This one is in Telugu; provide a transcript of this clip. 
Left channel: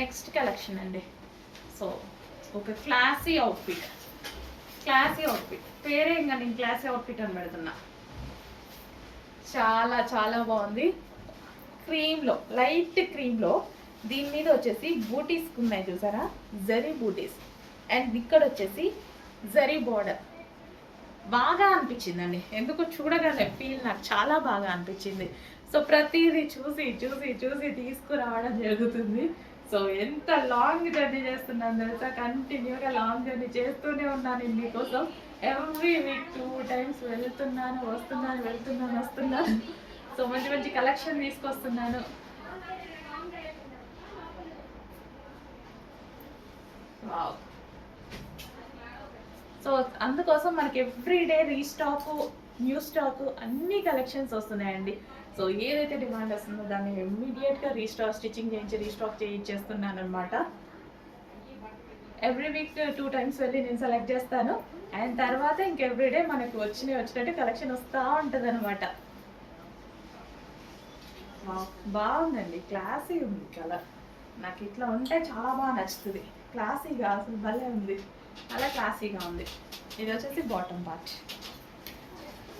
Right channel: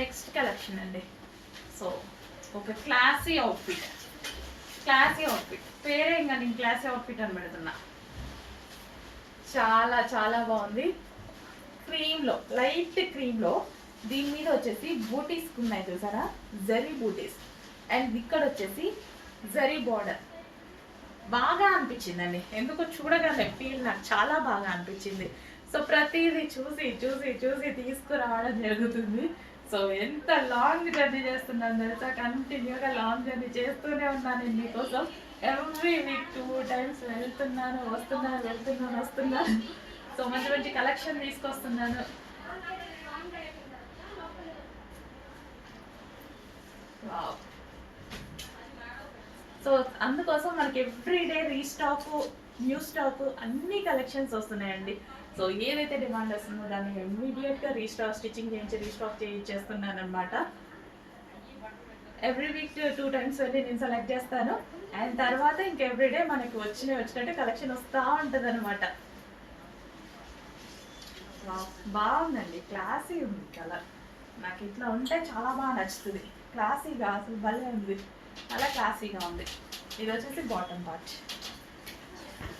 నెక్స్ట్ కలెక్షన్ అండి. సో ఒక క్లాసీ అవుట్ఫిట్ పేరే ఇంకా నేను క్లాసీ అవుట్ఫిట్ అని పెడుతున్నా. చాలా చాలా బాగుంది. క్రీమ్లో, లైట్ క్రీమ్లో దీని మీద వచ్చేసి బూటీస్ ఉన్నాయి చూసారా, జరీ బూటీస్. అండ్ ఇక్కడ వచ్చేసి జరీ బార్డర్. బాగా అనిపించిందండి, ఎందుకు చూడగానే ఫీల్ నాకు చాలా బాగా అనిపించింది. సో ప్రతిదీ చూసి చూసి చూసి తీసుకురావడం జరుగుతుంది. సో ఎంత లాంగ్ జర్నీ చేస్తున్నాను తెలుసా, కంటిన్యూగా లాంగ్ జర్నీ చేస్తూనే ఉన్నాను నేను మీకోసం. ఎవ్రీ వీక్ 2 times వెళ్తున్నాను వస్తున్నాను. సో మంచి మంచి కలెక్షన్ తీసుకొస్తున్నాను. వావ్. సో అందుకోసం మనకి ఎవ్రీడే రీస్టాక్, న్యూ స్టాక్ అన్ని కలెక్షన్స్ వస్తున్నాయండి. సో ఏదైతే డిమాండ్ వస్తుందో దాన్ని ఇమ్మీడియట్గా స్టిచ్చింగ్ చేయించి రీస్టాక్ చేయించేస్తున్నాను అనమాట. ఎవ్రీ వీక్ 2 times వెళ్ళి నేను సెలెక్ట్ చేస్తాను. అండ్ తర్వాత ఇంక ఎవ్రీడే మనకి వచ్చినట్టు కలెక్షన్ వస్తూ ఉంటుంది అనమాట. బాగుందండి, క్లాసీ ఉంది కలర్. నాకు ఇట్లా ఉంటే చాలా బాగా నచ్చుతుంది. క్లాసీగా అసలు భలే ఉంది, చాలా క్లాసీగా ఉంది. ఇది వచ్చేసి బాటమ్ పార్ట్.